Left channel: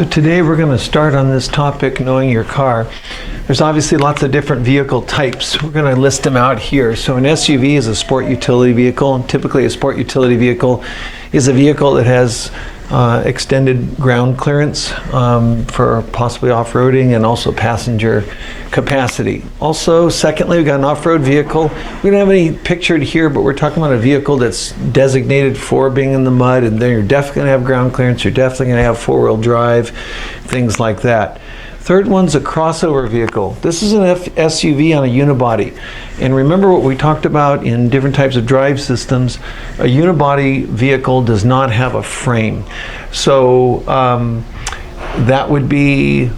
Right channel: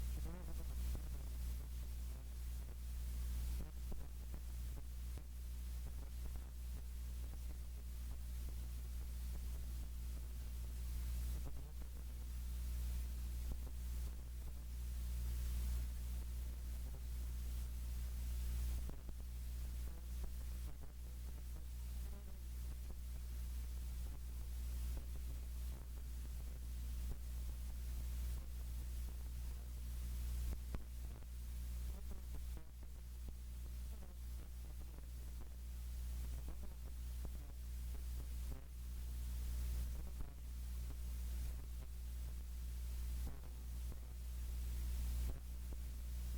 So today we're going to start on this topic, knowing your car. There's obviously lots of different vehicle types. We're going to list them out here. So an SUV is a sport utility vehicle. And typically a sport utility vehicle is a vehicle that has extended ground clearance for possibly off-roading and also passenger capacity. Also, secondly, we've got an off-road vehicle. We don't have any pictured here, but we're talking about a vehicle that's designated for being in the mud, and then you're definitely going to have ground clearance, you're definitely going to have four-wheel drive, things like that. Third one's a crossover vehicle. This is an SUV on a unibody. And remember what we talked about in different types of drive systems, a unibody vehicle does not have a frame. So that would be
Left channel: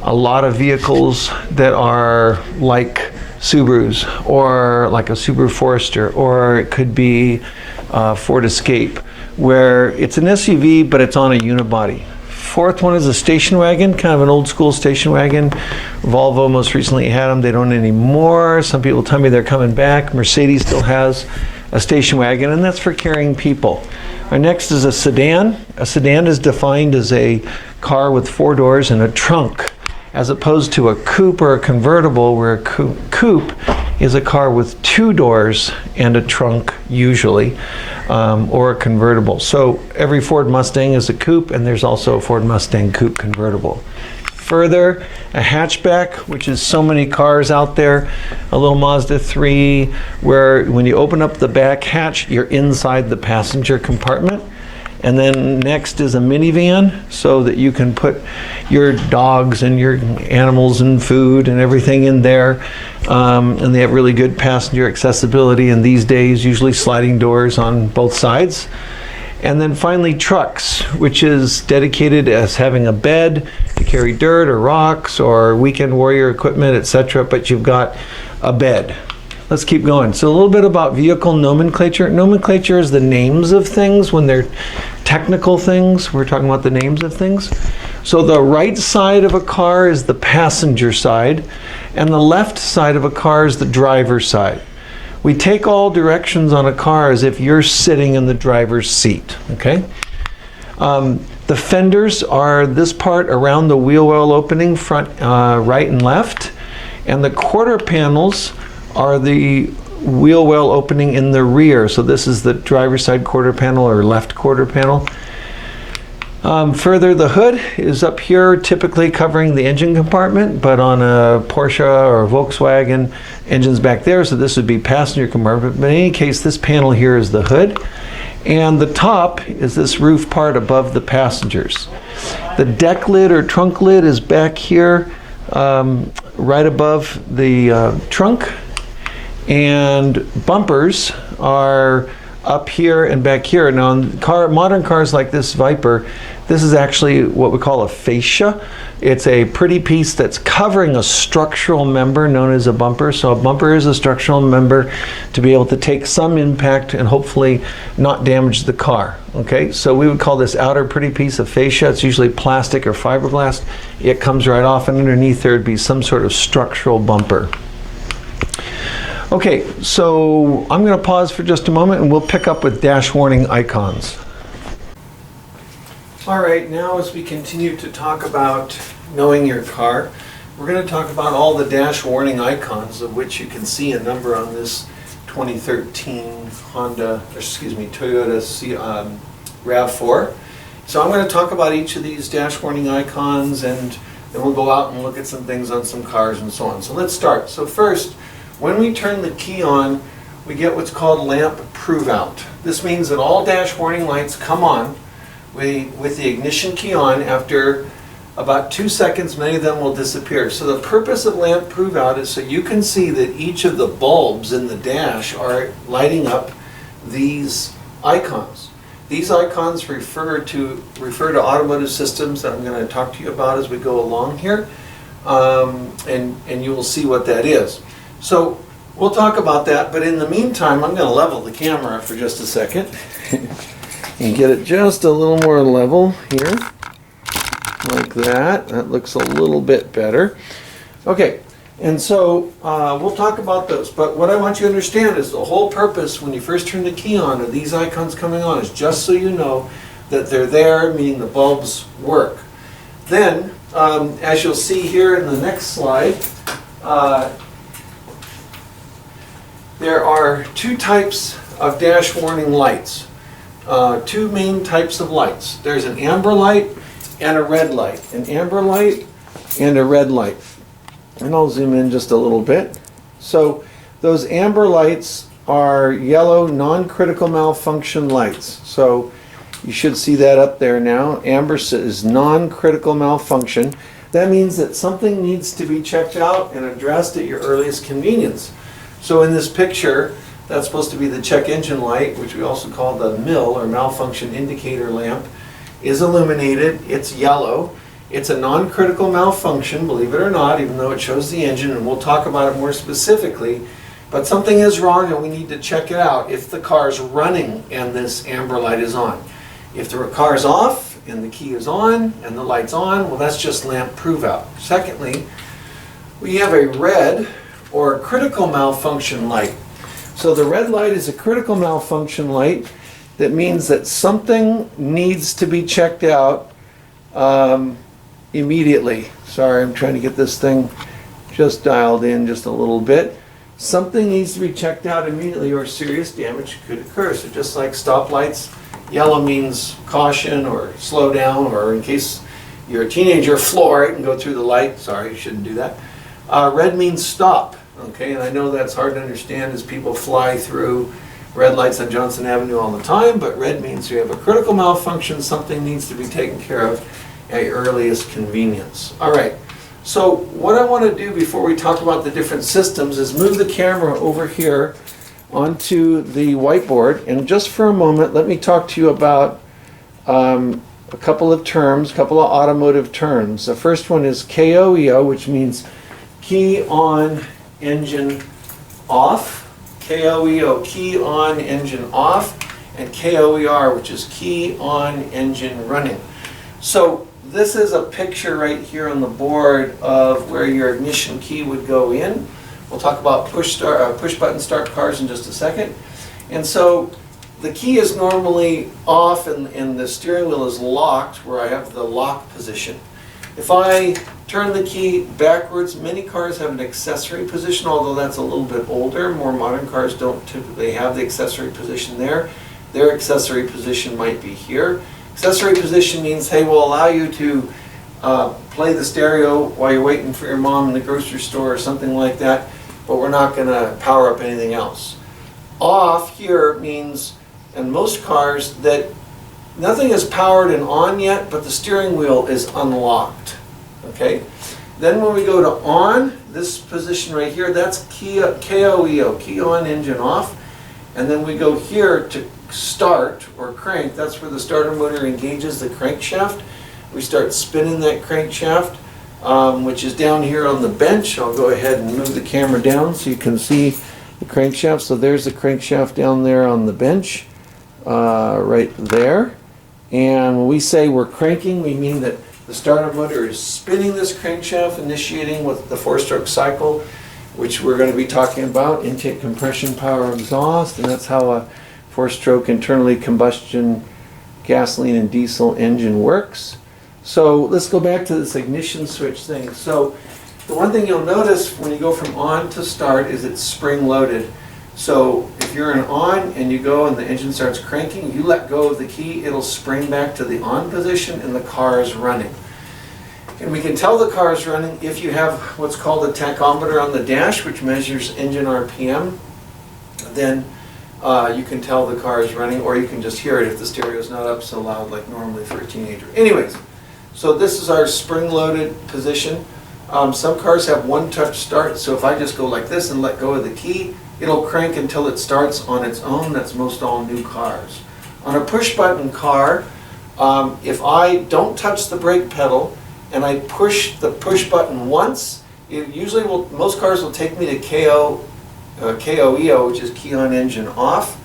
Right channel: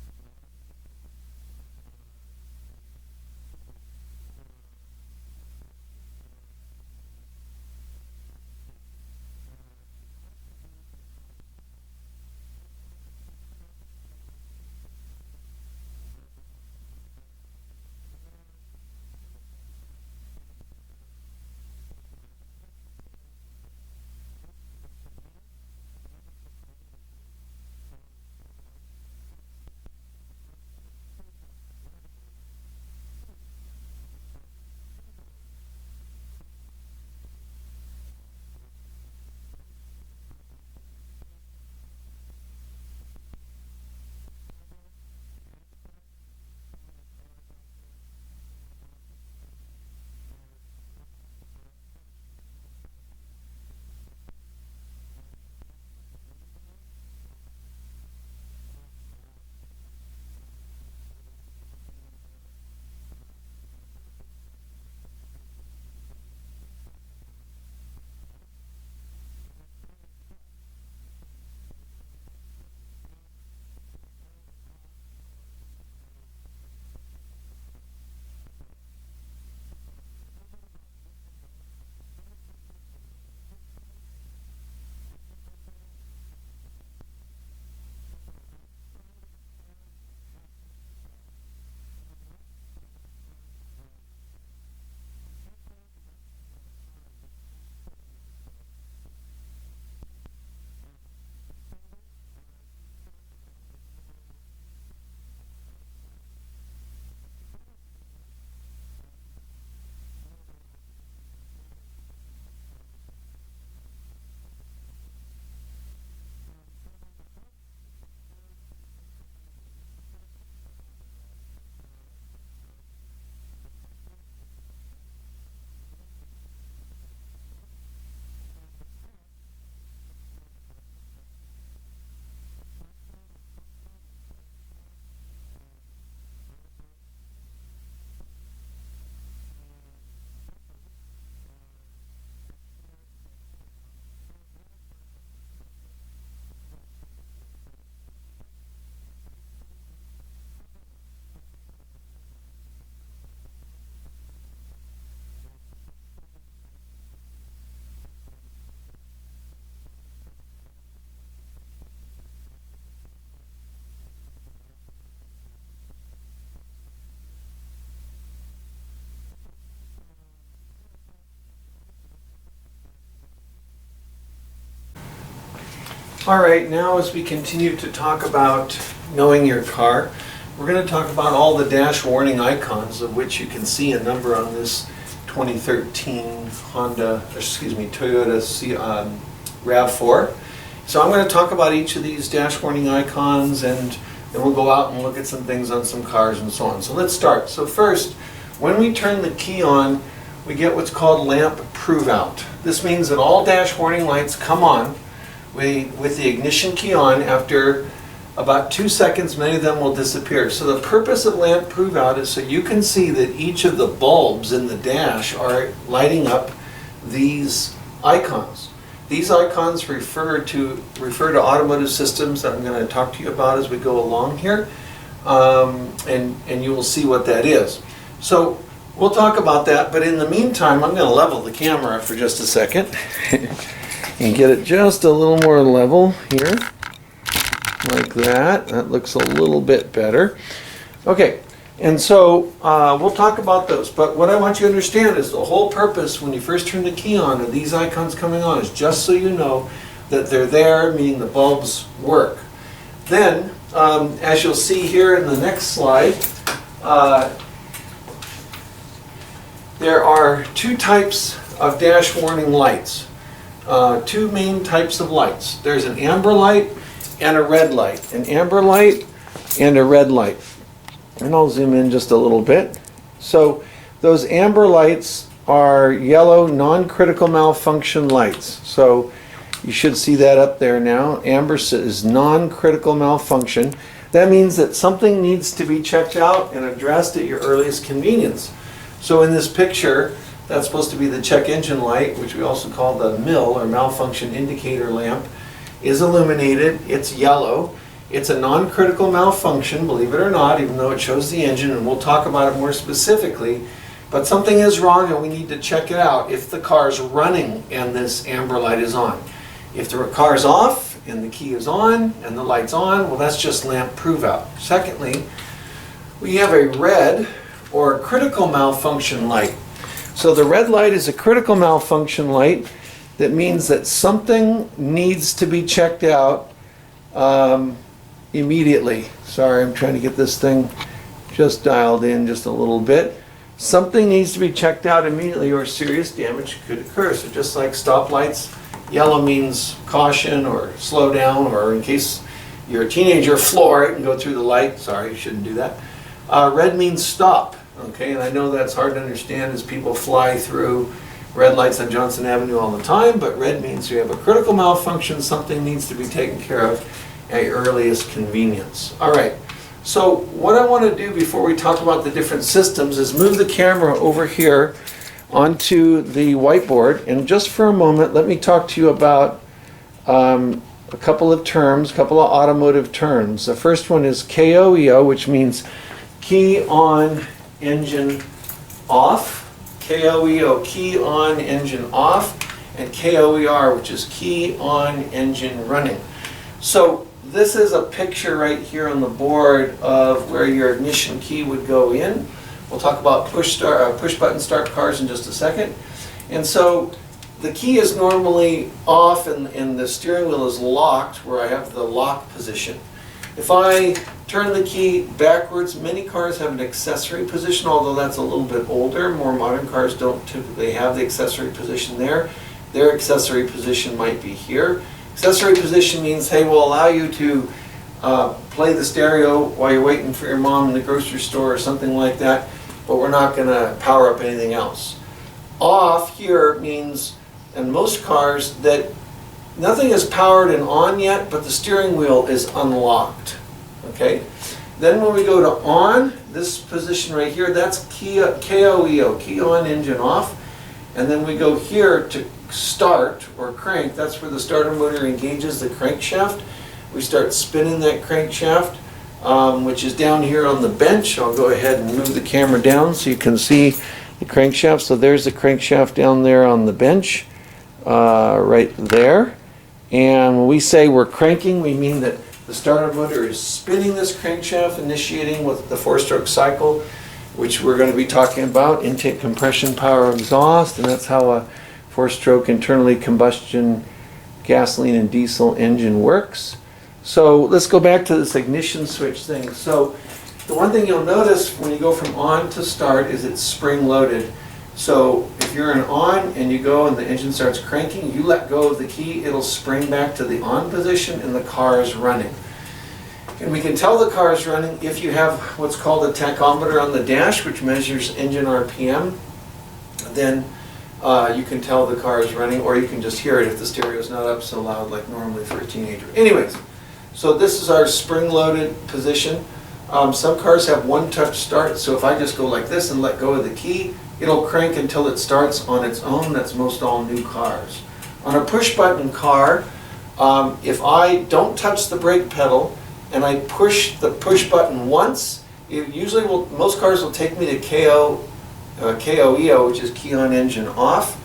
a lot of vehicles that are like Subarus, or like a Subaru Forester, or it could be Ford Escape, where it's an SUV but it's on a unibody. Fourth one is a station wagon, kind of an old school station wagon. Volvo most recently had them, they don't anymore. Some people tell me they're coming back. Mercedes still has a station wagon, and that's for carrying people. Our next is a sedan. A sedan is defined as a car with four doors and a trunk, as opposed to a coupe or a convertible, where a coupe is a car with two doors and a trunk usually, or a convertible. So every Ford Mustang is a coupe, and there's also a Ford Mustang coupe convertible. Further, a hatchback, which is so many cars out there, a little Mazda 3, where when you open up the back hatch, you're inside the passenger compartment. And then next is a minivan, so that you can put your dogs and your animals and food and everything in there. And they have really good passenger accessibility, and these days usually sliding doors on both sides. And then finally trucks, which is dedicated as having a bed to carry dirt or rocks or weekend warrior equipment, etc., but you've got a bed. Let's keep going. So a little bit about vehicle nomenclature. Nomenclature is the names of things. When they're technical things, we're talking about the names of things. So the right side of a car is the passenger side, and the left side of a car is the driver's side. We take all directions on a car as if you're sitting in the driver's seat, okay? The fenders are this part around the wheel well opening, front, right and left, and the quarter panels are the wheel well opening in the rear. So this is the driver's side quarter panel or left quarter panel. Further, the hood is up here, typically covering the engine compartment, but on a Porsche or a Volkswagen, engine's back there, so this would be passenger compartment. But in any case, this panel here is the hood, and the top is this roof part above the passengers. The deck lid or trunk lid is back here, right above the trunk, and bumpers are up here and back here. Now, in modern cars like this Viper, this is actually what we call a fascia. It's a pretty piece that's covering a structural member known as a bumper. So a bumper is a structural member to be able to take some impact and hopefully not damage the car. Okay, so we would call this outer pretty piece of fascia. It's usually plastic or fiberglass. It comes right off, and underneath there would be some sort of structural bumper. Okay, so I'm going to pause for just a moment, and we'll pick up with dash warning icons. All right, now as we continue to talk about knowing your car, we're going to talk about all the dash warning icons, of which you can see a number on this 2013 Toyota RAV4. So I'm going to talk about each of these dash warning icons, and then we'll go out and look at some things on some cars and so on. So let's start. So first, when we turn the key on, we get what's called lamp prove-out. This means that all dash warning lights come on with the ignition key on. After about 2 seconds, many of them will disappear. So the purpose of lamp prove-out is so you can see that each of the bulbs in the dash are lighting up these icons. These icons refer to automotive systems that I'm going to talk to you about as we go along here, and you will see what that is. So we'll talk about that, but in the meantime, I'm going to level the camera for just a second and get it just a little more level here, like that. That looks a little bit better. Okay, and so we'll talk about those, but what I want you to understand is the whole purpose when you first turn the key on of these icons coming on is just so you know that they're there, meaning the bulbs work. Then, as you'll see here in the next slide, there are two types of dash warning lights. Two main types of lights. There's an amber light and a red light. An amber light and a red light. And I'll zoom in just a little bit. So those amber lights are yellow non-critical malfunction lights. So you should see that up there now. Amber is non-critical malfunction. That means that something needs to be checked out and addressed at your earliest convenience. So in this picture, that's supposed to be the check engine light, which we also call the MIL, or malfunction indicator lamp, is illuminated. It's yellow. It's a non-critical malfunction, believe it or not, even though it shows the engine, and we'll talk about it more specifically. But something is wrong and we need to check it out if the car's running and this amber light is on. If the car's off and the key is on and the light's on, well, that's just lamp prove out. Secondly, we have a red or critical malfunction light. So the red light is a critical malfunction light. That means that something needs to be checked out immediately. Sorry, I'm trying to get this thing just dialed in just a little bit. Something needs to be checked out immediately or serious damage could occur. So just like stoplights, yellow means caution or slow down, or in case you're a teenager, floor it and go through the light. Sorry, you shouldn't do that. Red means stop. Okay, and I know that's hard to understand as people fly through red lights on Johnson Avenue all the time, but red means you have a critical malfunction, something needs to be taken care of at your earliest convenience. All right, so what I want to do before we talk about the different systems is move the camera over here onto the whiteboard, and just for a moment, let me talk to you about a couple of terms, a couple of automotive terms. The first one is KOEO, which means key on, engine off. KOEO, key on, engine off, and KOER, which is key on, engine running. So this is a picture right here on the board of where your ignition key would go in. We'll talk about push button start cars in just a second. And so the key is normally off and the steering wheel is locked where I have the lock position. If I turn the key backwards, many cars have an accessory position, although that's a little bit older. More modern cars don't typically have the accessory position there. Their accessory position might be here. Accessory position means, hey, we'll allow you to play the stereo while you're waiting for your mom in the grocery store or something like that, but we're not going to power up anything else. Off here means, in most cars, that nothing is powered and on yet, but the steering wheel is unlocked. Okay? Then when we go to on, this position right here, that's KOEO, key on, engine off. And then we go here to start or crank. That's where the starter motor engages the crankshaft. We start spinning that crankshaft, which is down here on the bench. I'll go ahead and move the camera down so you can see the crankshaft. So there's the crankshaft down there on the bench, right there. And when we say we're cranking, we mean that the starter motor is spinning this crankshaft, initiating with the 4-stroke cycle, which we're going to be talking about, intake, compression, power, exhaust, and that's how a 4-stroke internally combustion gasoline and diesel engine works. So let's go back to this ignition switch thing. So the one thing you'll notice when you go from on to start is it's spring loaded. So if you're in on and you go and the engine starts cranking, you let go of the key, it'll spring back to the on position and the car is running. And we can tell the car is running if you have what's called a tachometer on the dash, which measures engine RPM. Then you can tell the car is running, or you can just hear it if the stereo is not up so loud like normally for a teenager. Anyways, so this is our spring-loaded position. Some cars have one-touch start, so if I just go like this and let go of the key, it'll crank until it starts on its own. That's most all new cars. On a push-button car, if I don't touch the brake pedal and I push the push button once, it usually will, most cars will take me to KOEO, which is key on, engine off.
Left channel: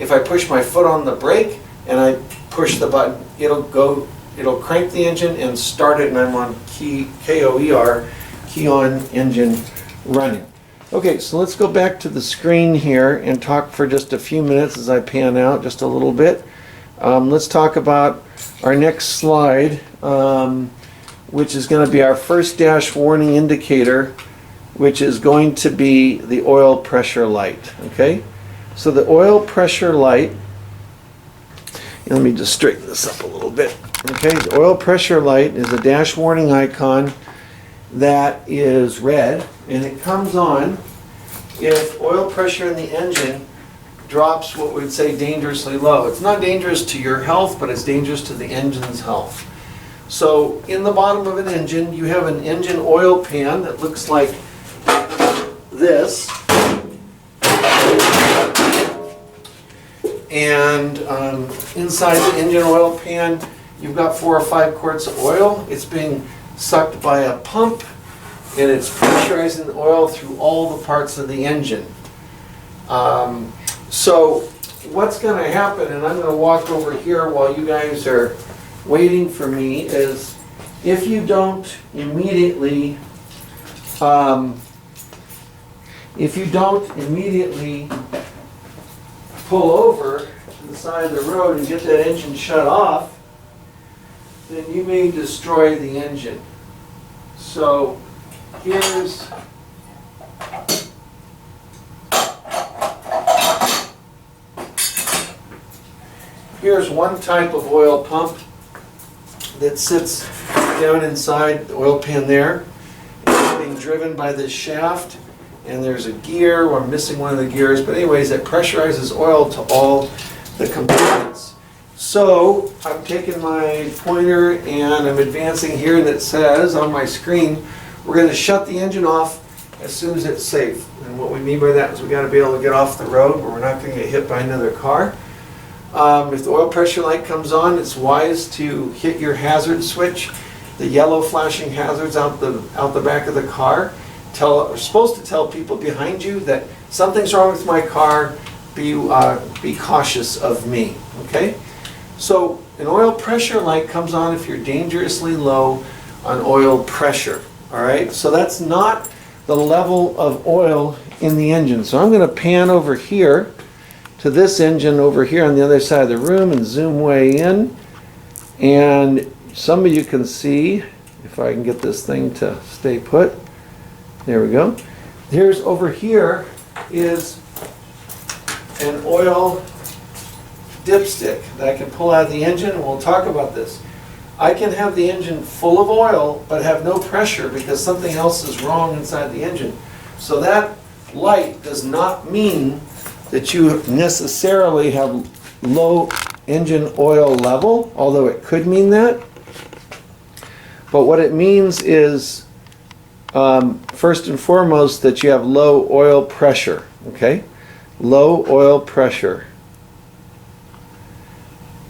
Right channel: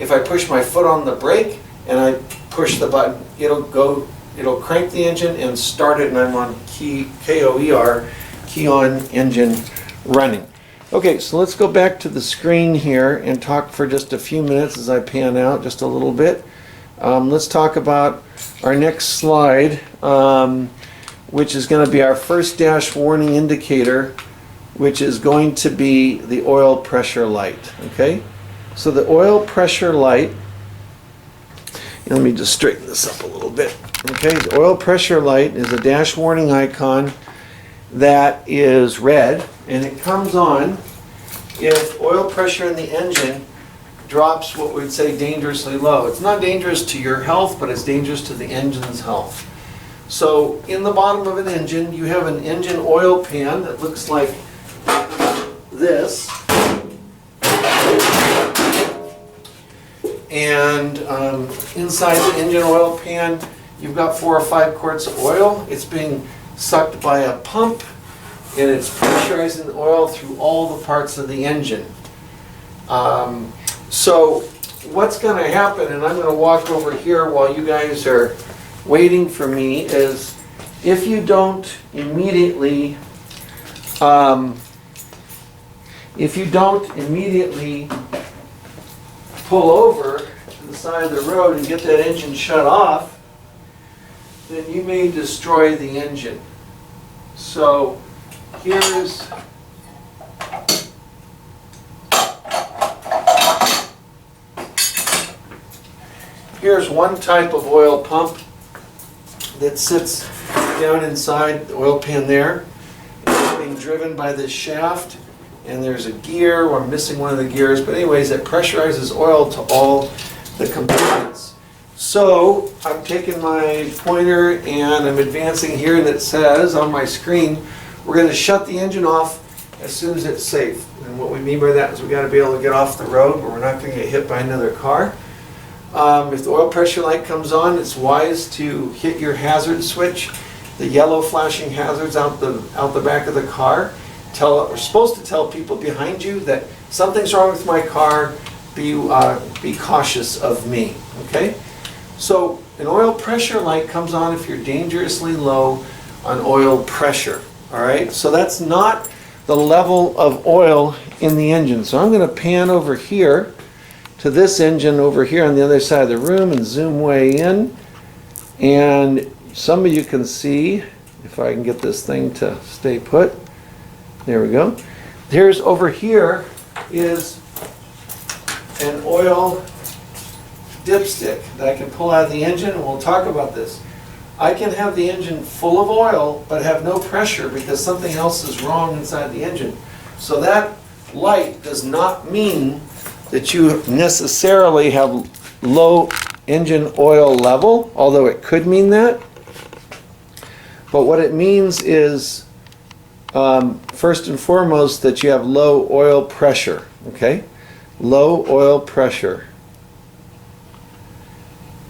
If I push my foot on the brake and I push the button, it'll crank the engine and start it, and I'm on KOER, key on, engine running. Okay, so let's go back to the screen here and talk for just a few minutes as I pan out just a little bit Let's talk about our next slide, which is going to be our first dash warning indicator, which is going to be the oil pressure light. Okay, so the oil pressure light, let me just straighten this up a little bit. Okay, the oil pressure light is a dash warning icon that is red, and it comes on if oil pressure in the engine drops what we would say dangerously low. It's not dangerous to your health, but it's dangerous to the engine's health. So in the bottom of an engine, you have an engine oil pan that looks like this. And inside the engine oil pan, you've got 4 or 5 quarts of oil. It's being sucked by a pump, and it's pressurizing the oil through all the parts of the engine. So what's going to happen, and I'm going to walk over here while you guys are waiting for me, is if you don't immediately pull over to the side of the road and get that engine shut off, then you may destroy the engine. So here's one type of oil pump that sits down inside the oil pan there. It's being driven by this shaft, and there's a gear, or I'm missing one of the gears, but anyways, it pressurizes oil to all the components. So I'm taking my pointer and I'm advancing here, and it says on my screen, we're going to shut the engine off as soon as it's safe. And what we mean by that is we got to be able to get off the road where we're not going to get hit by another car. If the oil pressure light comes on, it's wise to hit your hazard switch, the yellow flashing hazards out the back of the car. We're supposed to tell people behind you that something's wrong with my car, be cautious of me. Okay? So an oil pressure light comes on if you're dangerously low on oil pressure. All right? So that's not the level of oil in the engine. So I'm going to pan over here to this engine over here on the other side of the room and zoom way in. And some of you can see, if I can get this thing to stay put. There we go. Here's over here is an oil dipstick that I can pull out of the engine, and we'll talk about this. I can have the engine full of oil but have no pressure because something else is wrong inside the engine. So that light does not mean that you necessarily have low engine oil level, although it could mean that. But what it means is, first and foremost, that you have low oil pressure, okay? Low oil pressure.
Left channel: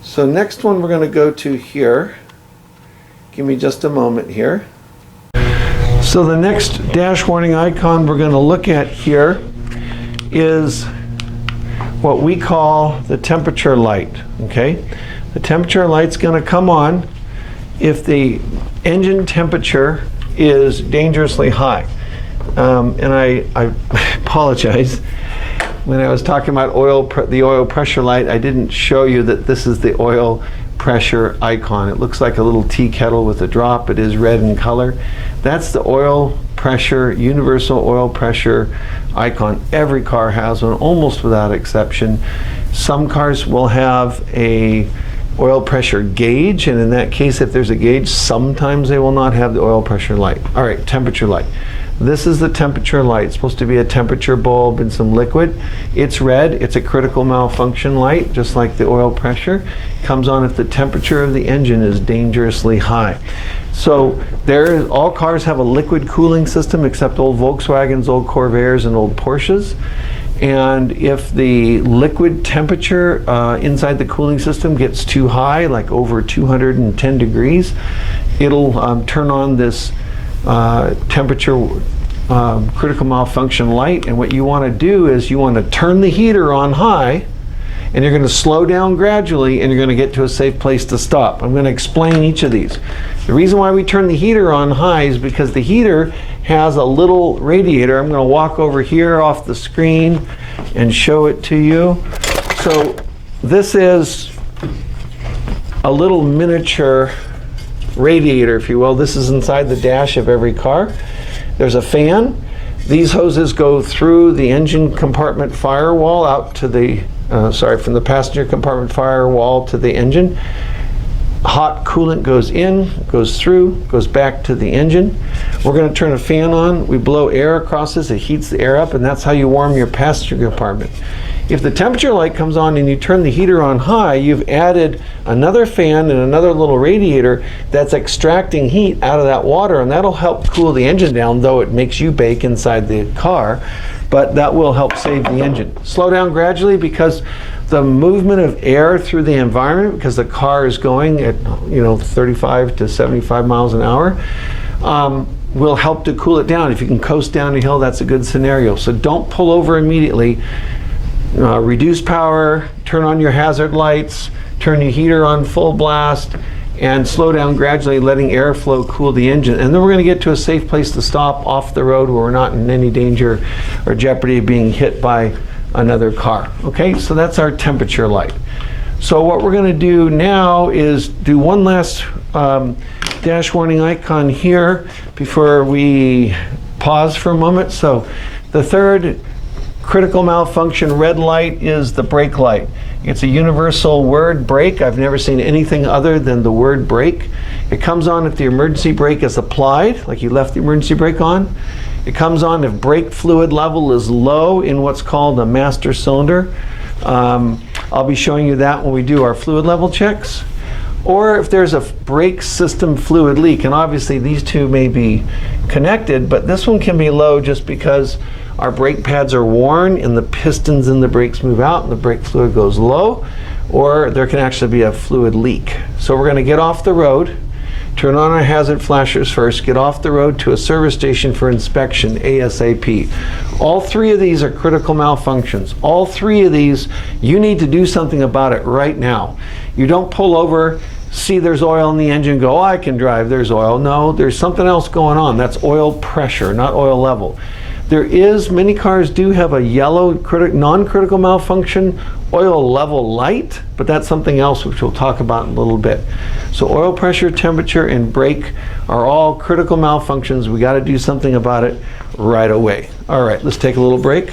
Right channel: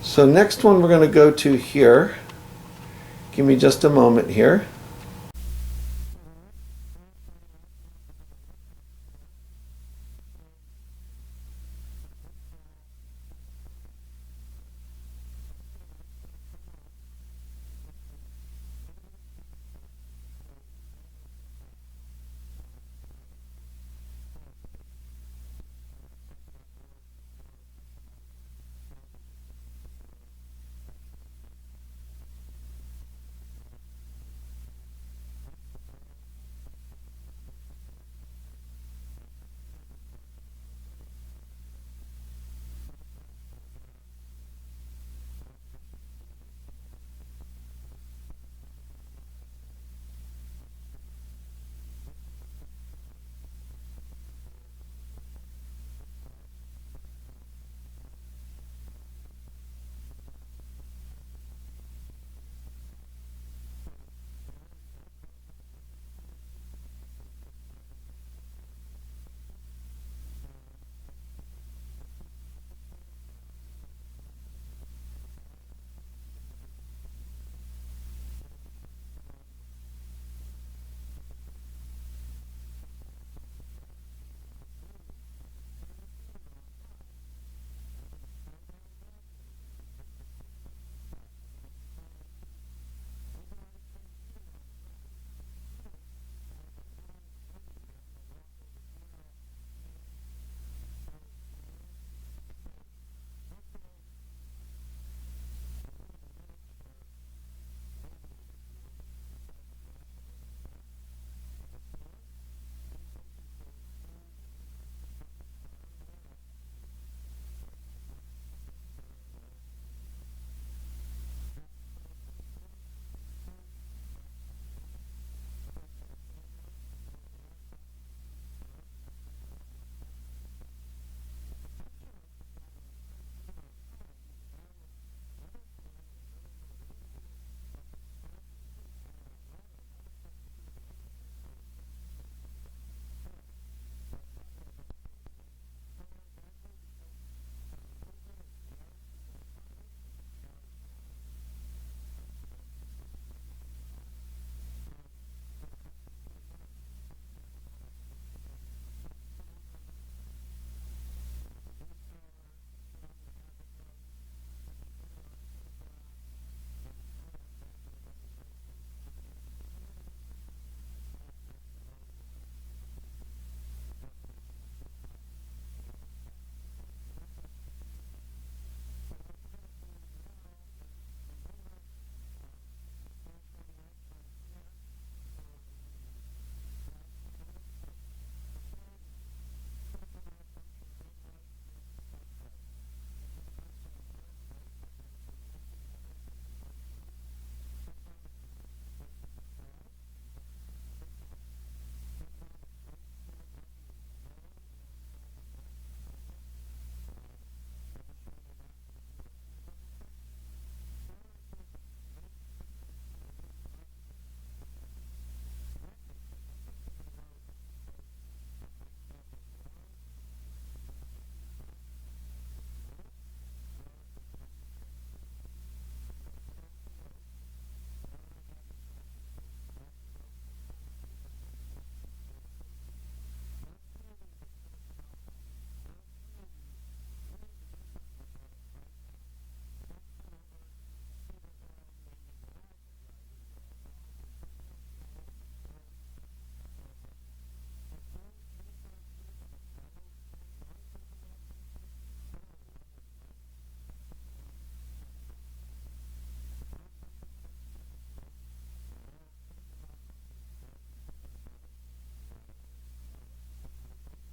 So next one we're going to go to here. Give me just a moment here. So the next dash warning icon we're going to look at here is what we call the temperature light, okay? The temperature light's going to come on if the engine temperature is dangerously high. And I apologize. When I was talking about the oil pressure light, I didn't show you that this is the oil pressure icon. It looks like a little tea kettle with a drop. It is red in color. That's the oil pressure, universal oil pressure icon. Every car has one, almost without exception. Some cars will have a oil pressure gauge, and in that case, if there's a gauge, sometimes they will not have the oil pressure light. All right, temperature light. This is the temperature light. It's supposed to be a temperature bulb and some liquid. It's red. It's a critical malfunction light, just like the oil pressure. It comes on if the temperature of the engine is dangerously high. So all cars have a liquid cooling system except old Volkswagens, old Corvairs, and old Porsches. And if the liquid temperature inside the cooling system gets too high, like over 210 degrees, it'll turn on this temperature critical malfunction light. And what you want to do is you want to turn the heater on high, and you're going to slow down gradually, and you're going to get to a safe place to stop. I'm going to explain each of these. The reason why we turn the heater on high is because the heater has a little radiator. I'm going to walk over here off the screen and show it to you. So this is a little miniature radiator, if you will. This is inside the dash of every car. There's a fan. These hoses go through the engine compartment firewall out to the, from the passenger compartment firewall to the engine. Hot coolant goes in, goes through, goes back to the engine. We're going to turn a fan on. We blow air across this. It heats the air up, and that's how you warm your passenger compartment. If the temperature light comes on and you turn the heater on high, you've added another fan and another little radiator that's extracting heat out of that water, and that'll help cool the engine down, though it makes you bake inside the car, but that will help save the engine. Slow down gradually because the movement of air through the environment, because the car is going at 35 to 75 miles an hour, will help to cool it down. If you can coast down a hill, that's a good scenario. So don't pull over immediately. Reduce power, turn on your hazard lights, turn your heater on full blast, and slow down gradually, letting airflow cool the engine. And then we're going to get to a safe place to stop off the road where we're not in any danger or jeopardy of being hit by another car. Okay, so that's our temperature light. So what we're going to do now is do one last dash warning icon here before we pause for a moment. So the third critical malfunction red light is the brake light. It's a universal word, brake. I've never seen anything other than the word brake. It comes on if the emergency brake is applied, like you left the emergency brake on. It comes on if brake fluid level is low in what's called a master cylinder. I'll be showing you that when we do our fluid level checks. Or if there's a brake system fluid leak, and obviously these two may be connected, but this one can be low just because our brake pads are worn and the pistons in the brakes move out and the brake fluid goes low, or there can actually be a fluid leak. So we're going to get off the road, turn on our hazard flashers first, get off the road to a service station for inspection ASAP. All three of these are critical malfunctions. All three of these, you need to do something about it right now. You don't pull over, see there's oil in the engine, go, oh, I can drive, there's oil. No, there's something else going on. That's oil pressure, not oil level. Many cars do have a yellow non-critical malfunction oil level light, but that's something else which we'll talk about in a little bit. So oil pressure, temperature, and brake are all critical malfunctions. We got to do something about it right away. All right, let's take a little break.